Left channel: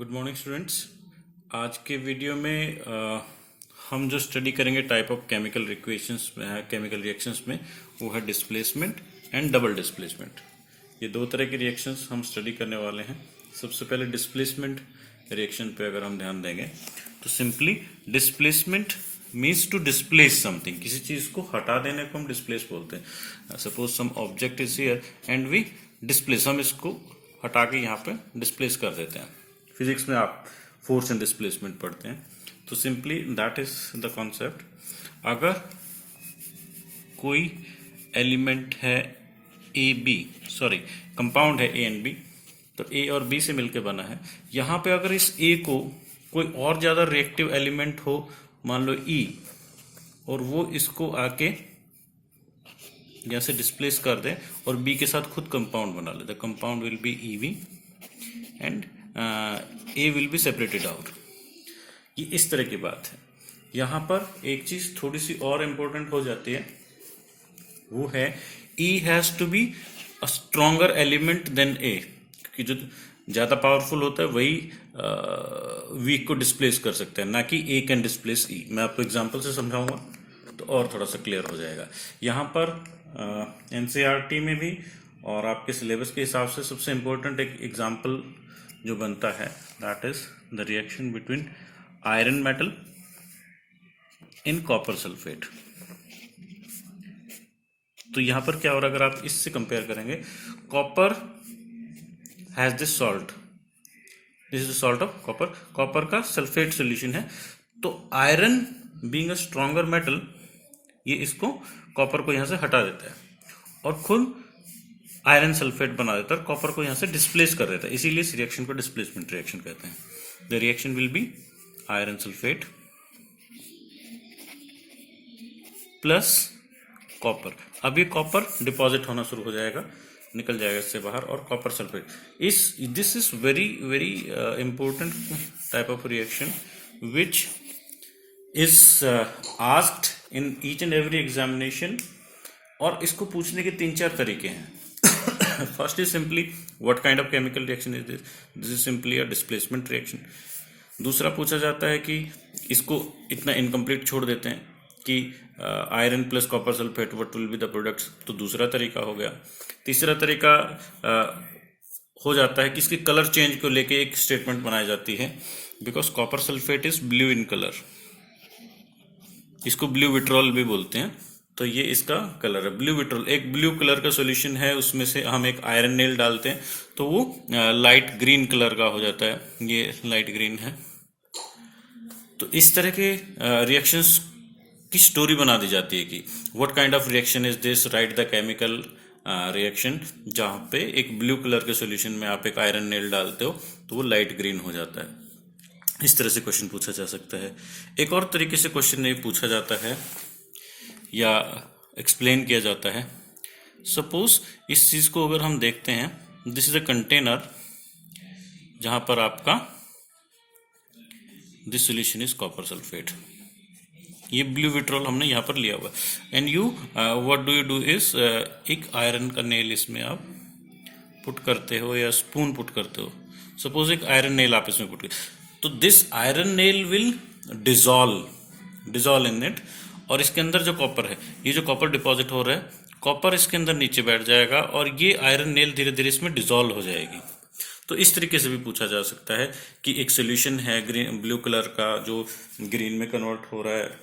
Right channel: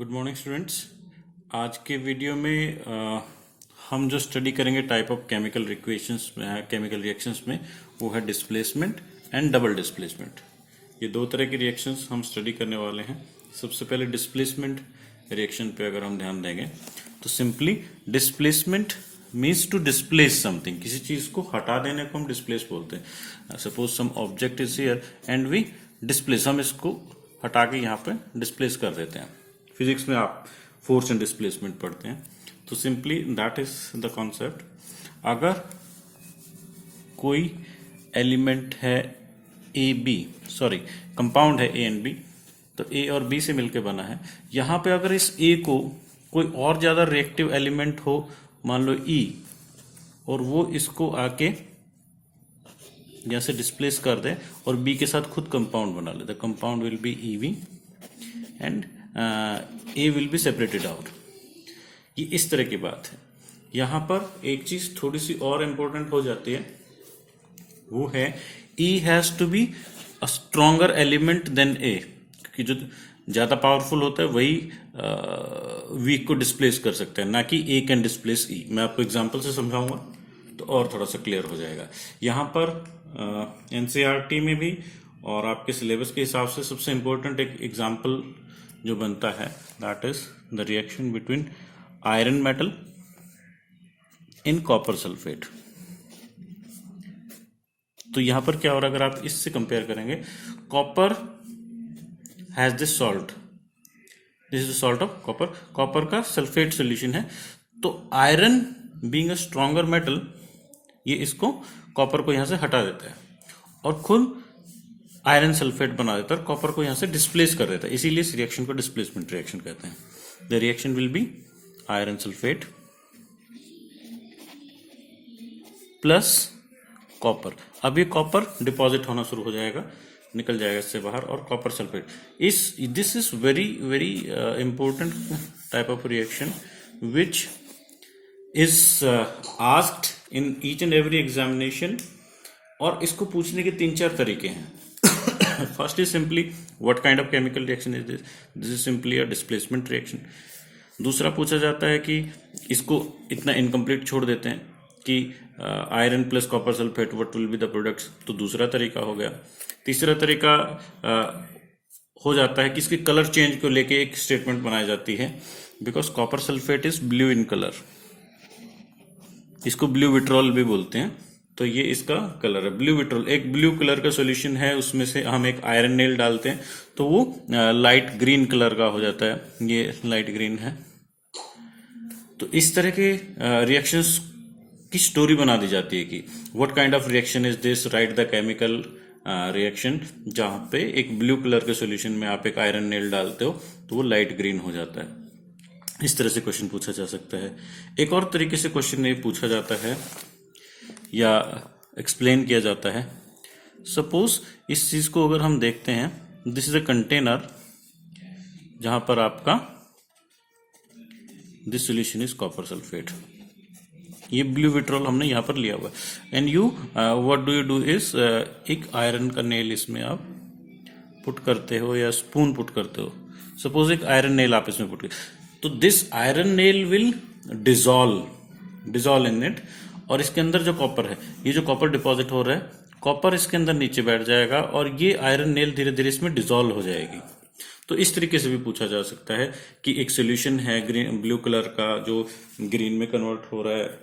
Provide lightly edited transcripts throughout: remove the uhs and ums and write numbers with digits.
Good morning students. आज के video में हम जो स्टडी करेंगे टाइप ऑफ केमिकल रिएक्शंस में वो है डिस्प्लेसमेंट एंड डबल डिस्प्लेसमेंट। ये दो तरह के रिएक्शंस हम स्टडी करने वाले हैं। सबसे पहले डिस्प्लेसमेंट रिएक्शन पे अगर हम ध्यान देंगे तो simply displacement means to displace something, किसी चीज को हटा देने को हम डिस्प्लेस बोलते हैं। Suppose some object is here and we displace, हम इसको हटा के यहाँ पे डिस्प्लेस कर देते हैं। फिजिक्स में आप फोर्स एंड डिस्प्लेसमेंट पढ़ते हैं, तो simply that is the concept. अगर कोई एलिमेंट है कंपाउंड है ए एंड बी, तो ए और बी से मिलकर बना है। यहां पे अगर इस ए को कोई और ज्यादा रिएक्टिव एलिमेंट हो, मान लो ई, और वो इसको आके यहां से डिस्प्लेस कर दे और बी के साथ खुद कंपाउंड बना ले, the compound will be EV and A will be separated out. ये इस तरह की बात है। यहां पर एक चीज थोड़ी सी और इंपॉर्टेंट हो जाती है, वो है E has to be a stronger element than A, क्योंकि जो ज्यादा पावरफुल होता है वही वीक को डिस्प्लेस कर सकता है, ना कि ए कैन डिस्प्लेस ई। मैं आपको एग्जांपल से समझाऊंगा तो और थोड़ा सा क्लियर हो जाएगा। यहां पर एनसीईआरटी में भी और आपके सिलेबस के हिसाब से सबसे इंपॉर्टेंट एक एग्जाम्पल जो बनता है, that is the reaction between iron metal in copper sulphate. तो यहां पर क्या हो रहा है, अगर आप इससे कंपेयर करेंगे, copper has this salt, this is salt of copper, copper का सल्फेट सॉल्यूशन है। तो iron being a stronger metal, ये इसको कॉपर को यहां से हटा देता है और खुद आयरन सल्फेट बना देता है, कॉपर को यहां से डिस्प्लेस कर देता है। इसीलिए इस रिएक्शन को डिस्प्लेसमेंट रिएक्शन कहते हैं। The reaction will be iron sulphate plus copper. अब ये कॉपर डिपॉजिट होना शुरू हो जाएगा, निकल जाएगा इससे बाहर, और copper sulphate this is very very important type of reaction which is asked in each and every examination. और इसको पूछने के 3-4 तरीके हैं। First is simply what kind of chemical reaction is this, this is simply a displacement reaction. दूसरा पूछा जाता है कि इसको इतना इनकम्प्लीट छोड़ देते हैं कि iron plus copper sulphate what will be the products, तो दूसरा तरीका हो गया। तीसरा तरीका हो जाता है कि इसके कलर चेंज को लेके एक स्टेटमेंट बनाई जाती है, because copper sulphate is blue in colour, इसको ब्लू विट्रॉल भी बोलते हैं। तो ये इसका कलर है ब्लू विट्रॉल। एक ब्लू कलर का सॉल्यूशन है, उसमें से हम एक आयरन नेल डालते हैं तो वो लाइट ग्रीन कलर का हो जाता है, ये लाइट ग्रीन है। तो इस तरह के रिएक्शंस की स्टोरी बना दी जाती है कि what kind of reaction is this, right the chemical reaction, जहां पे एक ब्लू कलर के सॉल्यूशन में आप एक आयरन नेल डालते हो तो वो लाइट ग्रीन हो जाता है। इस तरह से क्वेश्चन पूछा जा सकता है। एक और तरीके से क्वेश्चन ये पूछा जाता है या एक्सप्लेन किया जाता है। सपोज इस चीज को अगर हम देखते हैं, दिस इज अ कंटेनर जहां पर आपका this solution is copper sulphate, ये ब्लू विट्रॉल हमने यहां पर लिया हुआ है। And you what do you do is, एक आयरन का नेल इसमें आप पुट करते हो या स्पून पुट करते हो। सपोज एक आयरन नेल आप इसमें पुट कर, तो this iron nail will dissolve in it, और इसके अंदर जो कॉपर है, ये जो कॉपर डिपॉजिट हो रहा है, कॉपर इसके अंदर नीचे बैठ जाएगा और ये आयरन नेल धीरे धीरे इसमें डिजॉल्व हो जाएगी। तो इस तरीके से भी पूछा जा सकता है कि एक सोल्यूशन है ग्रीन ब्लू कलर का जो ग्रीन में कन्वर्ट हो रहा है,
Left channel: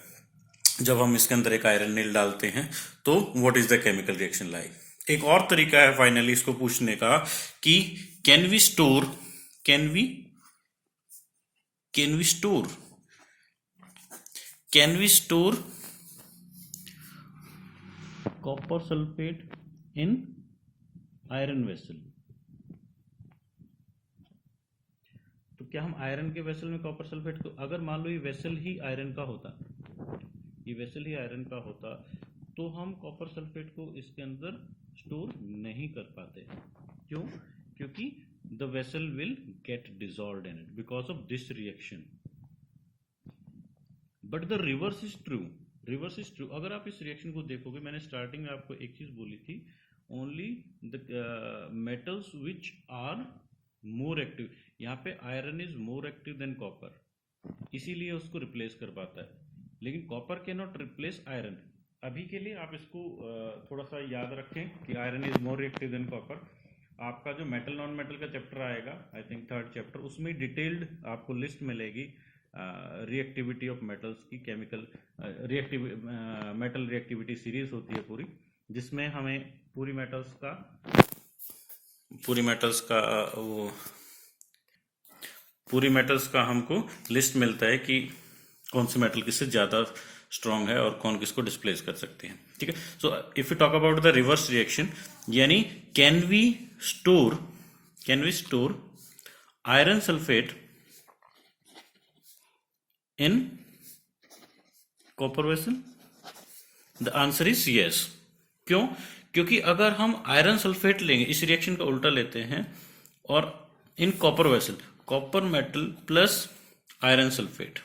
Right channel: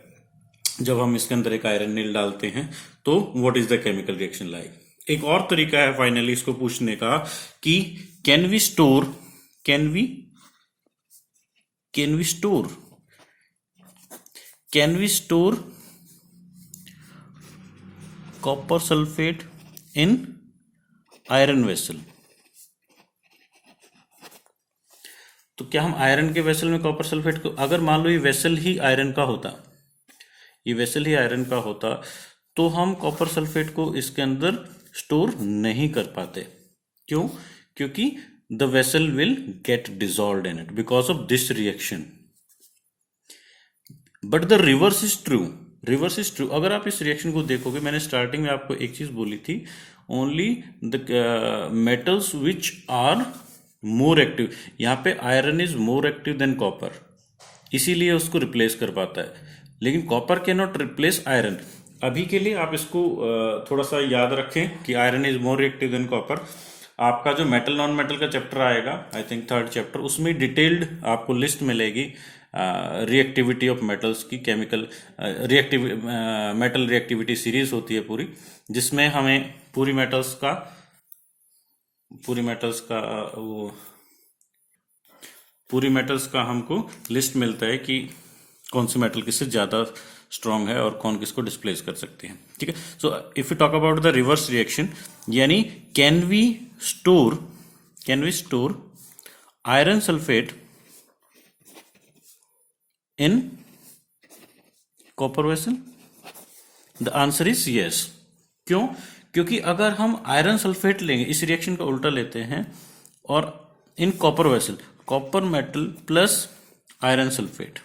जब हम इसके अंदर एक आयरन नेल डालते हैं तो what is the chemical reaction like. एक और तरीका है फाइनली इसको पूछने का कि can we store copper sulphate in iron vessel. तो क्या हम आयरन के वेसल में कॉपर सल्फेट को, अगर मान लो ये वेसल ही आयरन का होता, तो हम कॉपर सल्फेट को इसके अंदर स्टोर नहीं कर पाते। क्यों? क्योंकि the vessel will get dissolved in it because of this reaction. But the reverse is true. अगर आप इस रिएक्शन को देखोगे, मैंने स्टार्टिंग में आपको एक चीज बोली थी, only the metals which are more active, यहाँ पे iron is more active than copper, इसीलिए उसको रिप्लेस कर पाता है, लेकिन copper can not replace iron. अभी के लिए आप इसको थोड़ा सा याद रखें कि iron is more reactive than copper. आपका जो मेटल नॉन मेटल का चैप्टर आएगा, आई थिंक 3rd चैप्टर, उसमें डिटेल्ड आपको लिस्ट मिलेगी रिएक्टिविटी ऑफ मेटल्स की, chemical reactive metal reactivity series होती है पूरी, जिसमें हमें पूरी मेटल्स का हमको लिस्ट मिलता है कि कौन सी मेटल किससे ज़्यादा स्ट्रांग है और कौन किसको डिस्प्लेस कर सकते हैं, ठीक है। So if you talk about the reverse reaction, यानी can we store iron sulphate in copper vessel? The answer is yes. क्यों? क्योंकि अगर हम आयरन सल्फेट लेंगे, इस रिएक्शन का उल्टा लेते हैं, और in copper vessel, copper metal plus iron sulphate,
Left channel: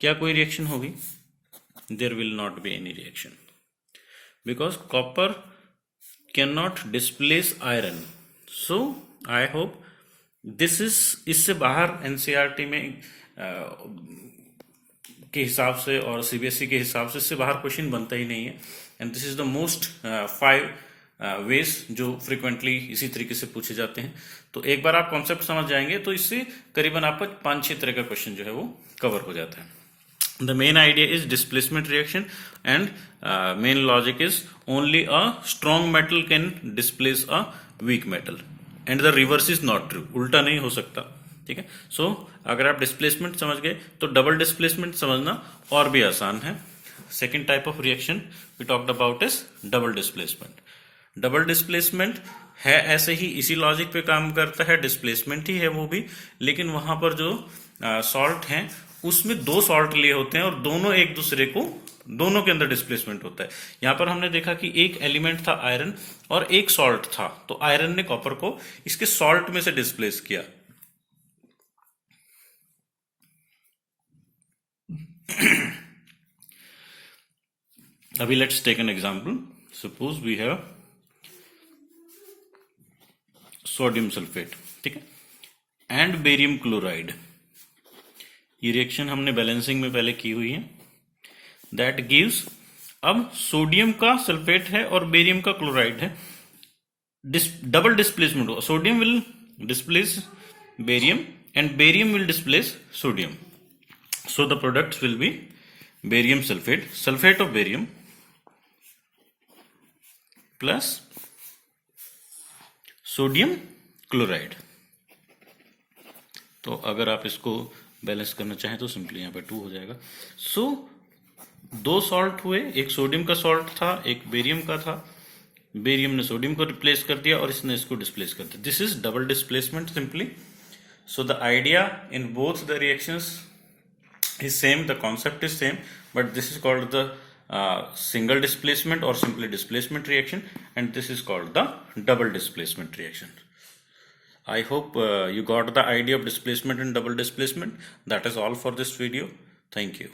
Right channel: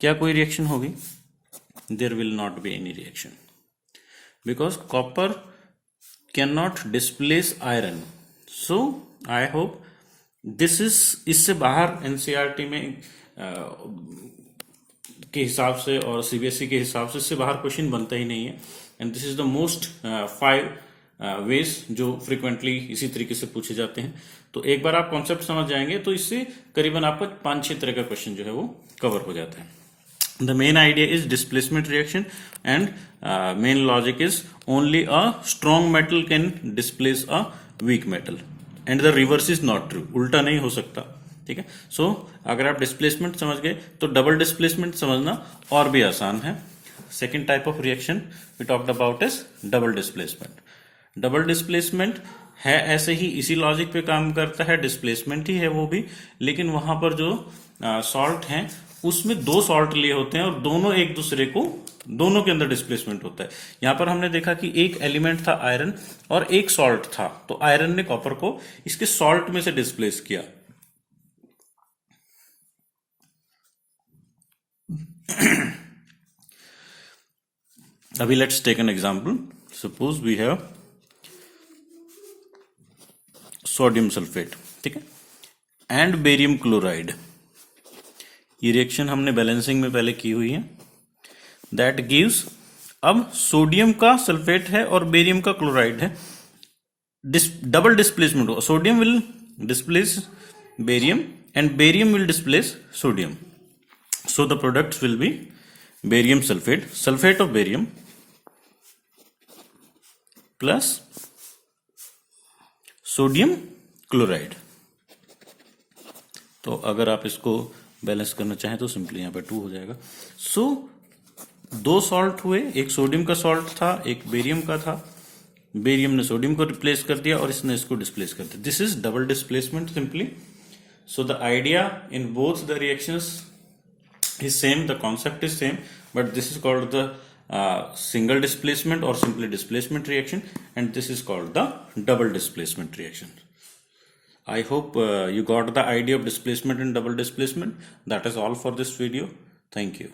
क्या कोई रिएक्शन होगी? There will not be any reaction, because copper can not displace iron. So I hope this is, इससे बाहर एनसीईआरटी में के हिसाब से और सीबीएसई के हिसाब से इससे बाहर क्वेश्चन बनता ही नहीं है। And this is the most 5 ways जो फ्रिक्वेंटली इसी तरीके से पूछे जाते हैं। तो एक बार आप कॉन्सेप्ट समझ जाएंगे तो इससे करीबन आपको 5-6 तरह का क्वेश्चन जो है वो कवर हो जाता है। The main idea is displacement reaction, and main logic is only a strong metal can displace a weak metal, and the reverse is not true, उल्टा नहीं हो सकता, ठीक है। सो अगर आप डिस्प्लेसमेंट समझ गए तो डबल डिस्प्लेसमेंट समझना और भी आसान है। Second type of reaction we talked about is double displacement. Double displacement है ऐसे ही इसी लॉजिक पे काम करता है, डिस्प्लेसमेंट ही है वो भी, लेकिन वहां पर जो सॉल्ट हैं उसमें 2 सॉल्ट लिए होते हैं और दोनों एक दूसरे को, दोनों के अंदर डिस्प्लेसमेंट होता है। यहां पर हमने देखा कि एक एलिमेंट था आयरन और एक सॉल्ट था, तो आयरन ने कॉपर को इसके सॉल्ट में से डिस्प्लेस किया। अभी let's take an example. Suppose we have sodium sulphate, ठीक है, एंड बेरियम क्लोराइड। ये रिएक्शन हमने बैलेंसिंग में पहले की हुई है। दैट गिव्स, अब सोडियम का सल्फेट है और बेरियम का क्लोराइड है, डबल डिस्प्लेसमेंट हो, sodium will displace barium and barium will displace sodium. So the products will be barium sulphate, sulphate of barium plus sodium chloride. तो अगर आप इसको बैलेंस करना चाहें तो सिंपली यहाँ पे 2 हो जाएगा। सो 2 सॉल्ट हुए, एक सोडियम का सॉल्ट था, एक बेरियम का था, बेरियम ने सोडियम को रिप्लेस कर दिया और इसने इसको डिस्प्लेस कर दिया। This is double displacement simply. So the idea in both the reactions is same, the concept is same, but this is called the single displacement or simply displacement reaction, and this is called the double displacement reaction. I hope you got the idea of displacement and double displacement. That is all for this video. Thank you.